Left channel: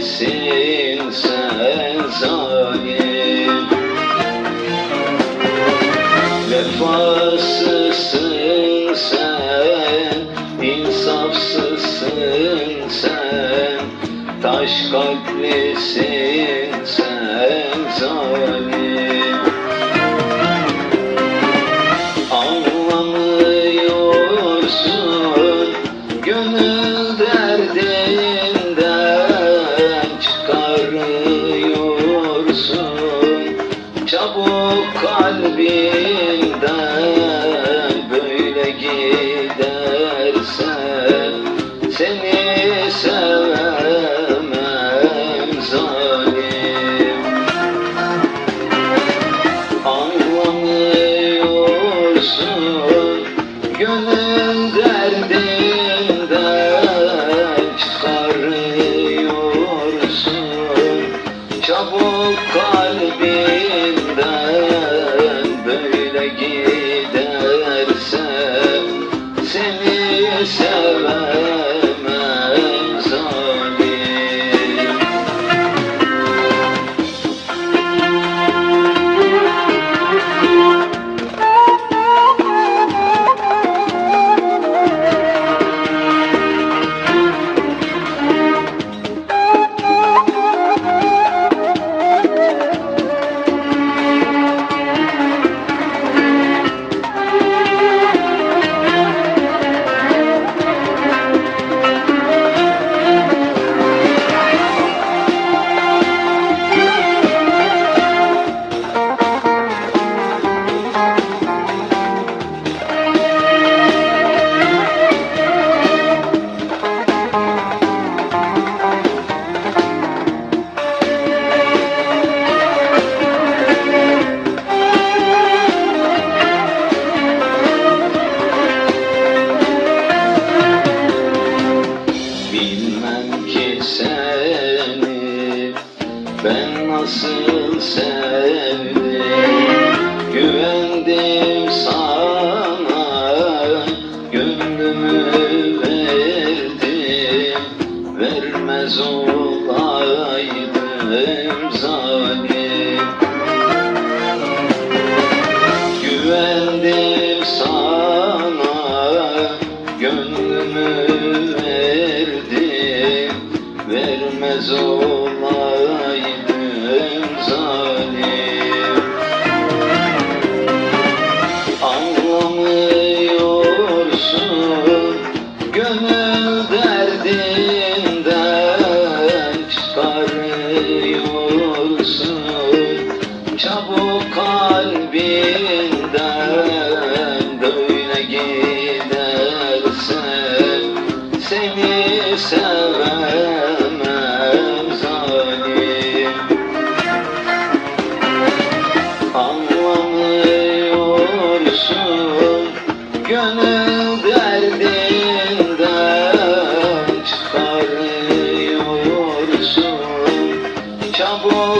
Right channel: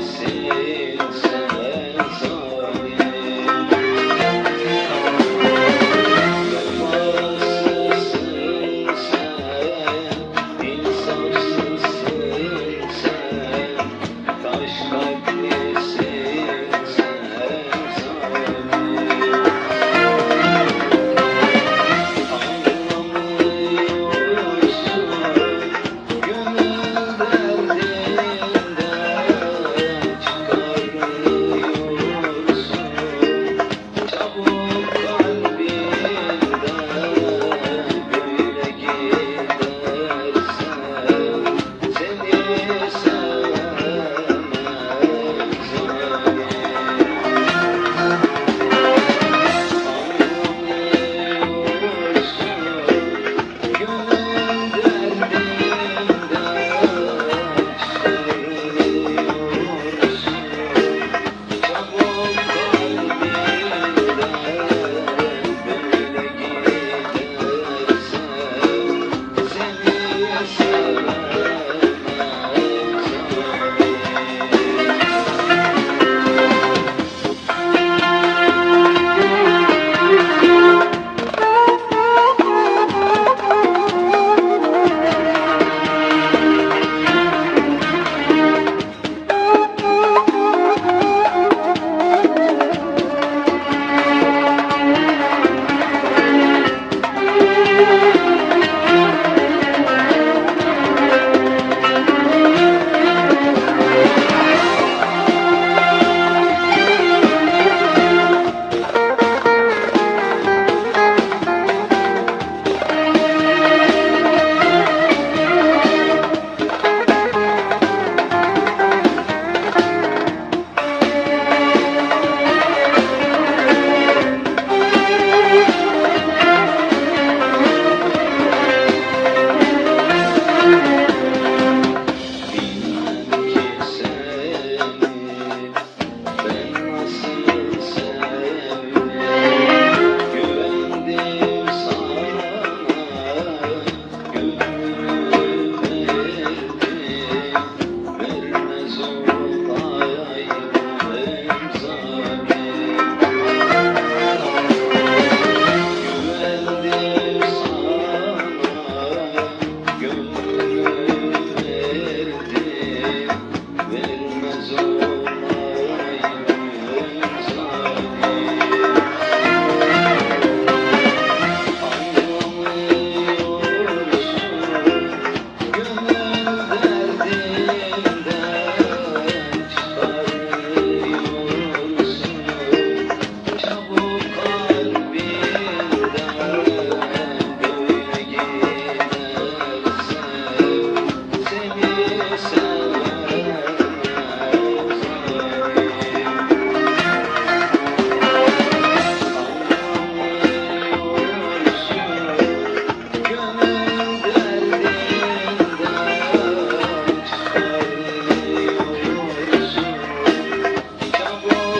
sen vermez olaydım trouble.